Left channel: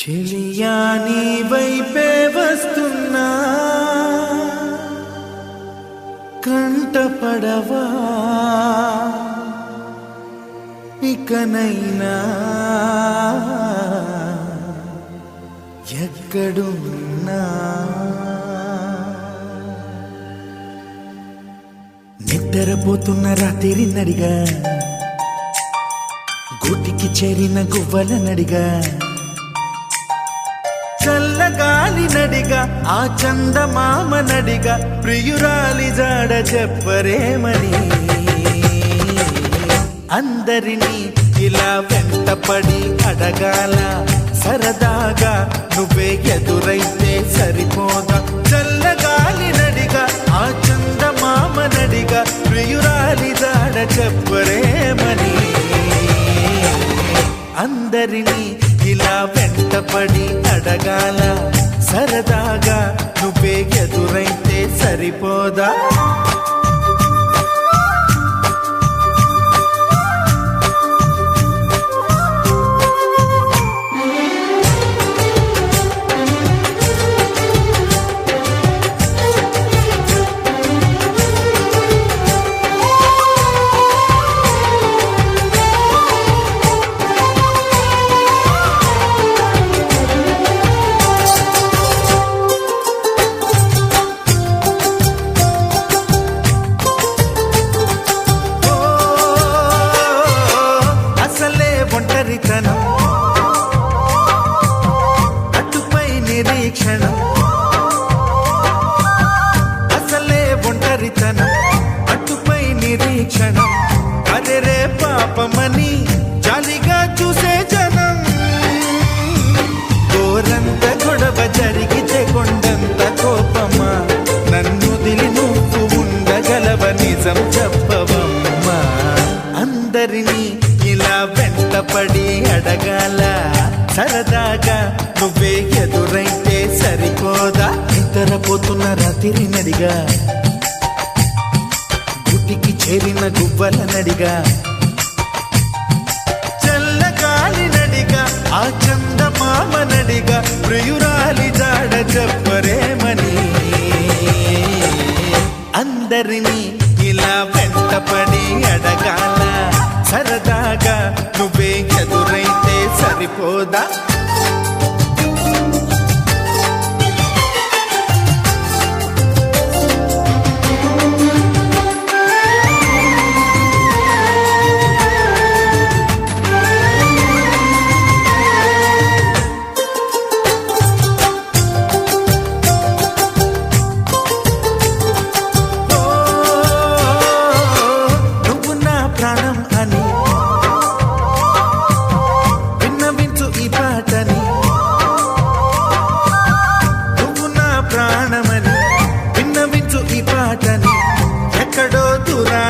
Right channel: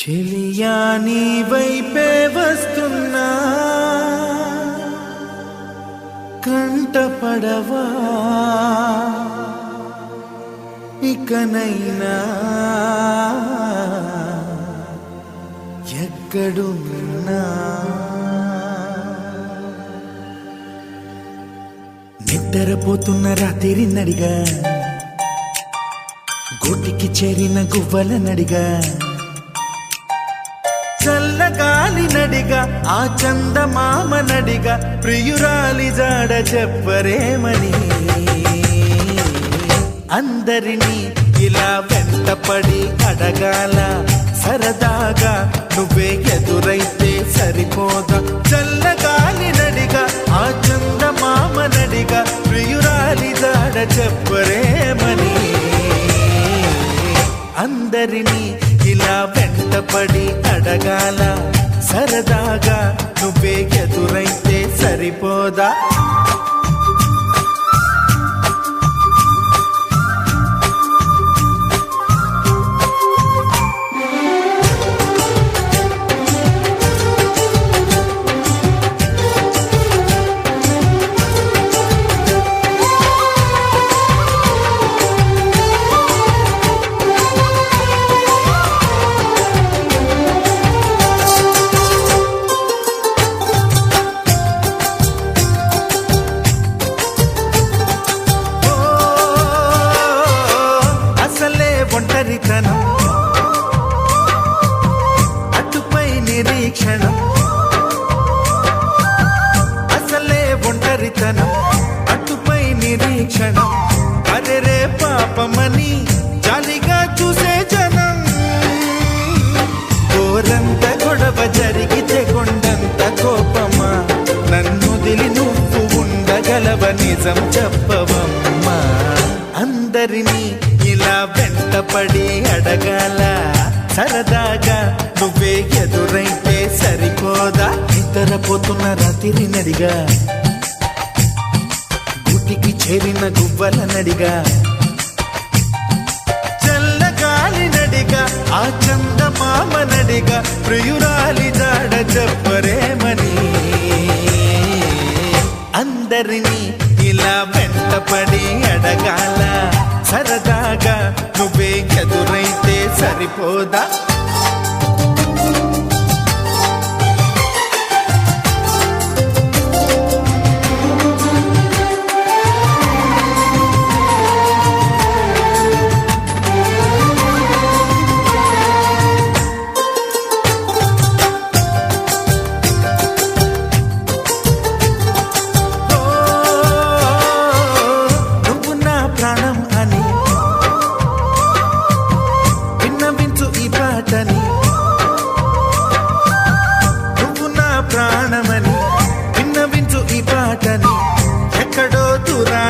చెలియా నీ వైపే వస్తున్నా కంట పడవా ఇకనైనా. ఎక్కడున్నా. నిద్రపోతున్న రాత్రి నడిగా గూటికి చేరిన గువ్వల నడిగా చల్లగాలి నడిగా ఆ చందమామ నడిగా ప్రియురాలి జాడ చెప్పరేమని అందరినీ ఇలా వెంటపడి అడగాల సరదాగా నువ్వే ఎదురైతే సరిపోదా? చల్లగాలి నడిగా ఆ చందమామ నడిగా ప్రియురాలి జాడ చెప్పరేమని అందరినీ ఇలా వెంటపడి అడగాల సరదాగా నువ్వే ఎదురైతే సరిపోదా? అసలే ఒంటరితనం. అటుపై నిరీక్షణం. అసలే ఒంటరితనం. అటుపై నిరీక్షణం. అరెరే పాపమని జాలిగా చూసే జనం. గోరంత గొడవ జరిగితే కొండంత కోపమా? నన్ను దిలి నువ్వు ఉండగలవ నిజం చెప్పవమ్మా. అందరినీ ఇలా వెంటపడి అడగాల సరదాగా నువ్వే ఎదురైతే సరిపోదా? నిద్రపోతున్న రాత్రి నడిగా. గుటికి చేరిన గువ్వల నడిగా. చల్లగాలి నడిగా ఆ చందమామ నడిగా ప్రియురాలి జాడ చెప్పరేమని అందరినీ ఇలా వెంటపడి అడగాల సరదాగా నువ్వే ఎదురైతే సరిపోదా?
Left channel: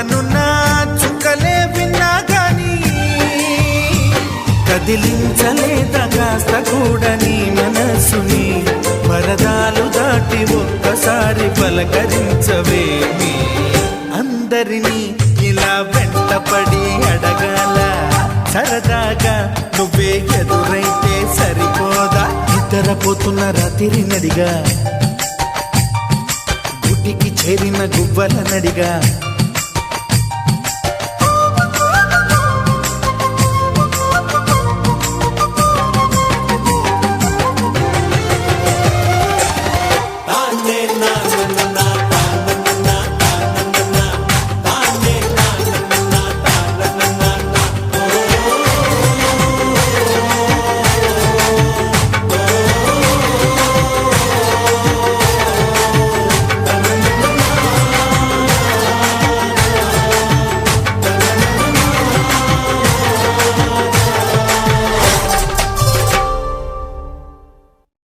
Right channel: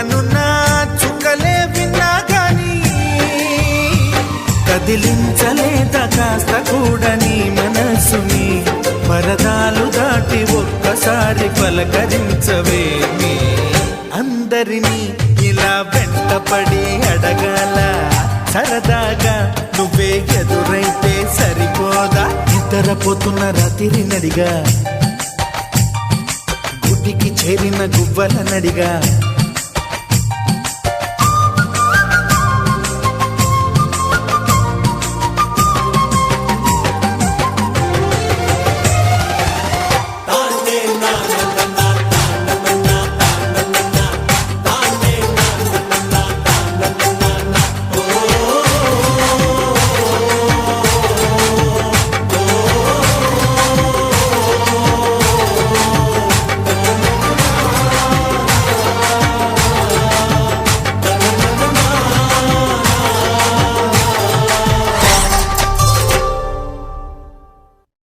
దూరానున్నా చుక్కలే విన్నా గాని కదిలించలేదా కాస్త కూడా నీ మనసుని పరదాలు దాటి ఒక్కసారి పలకరించవేమి? అందరినీ ఇలా వెంటపడి అడగాల సరదాగా నువ్వే ఎదురైతే సరిపోదా? నిద్రపోతున్న రాత్రి నడిగా గుటికి చేరిన గువ్వల నడిగా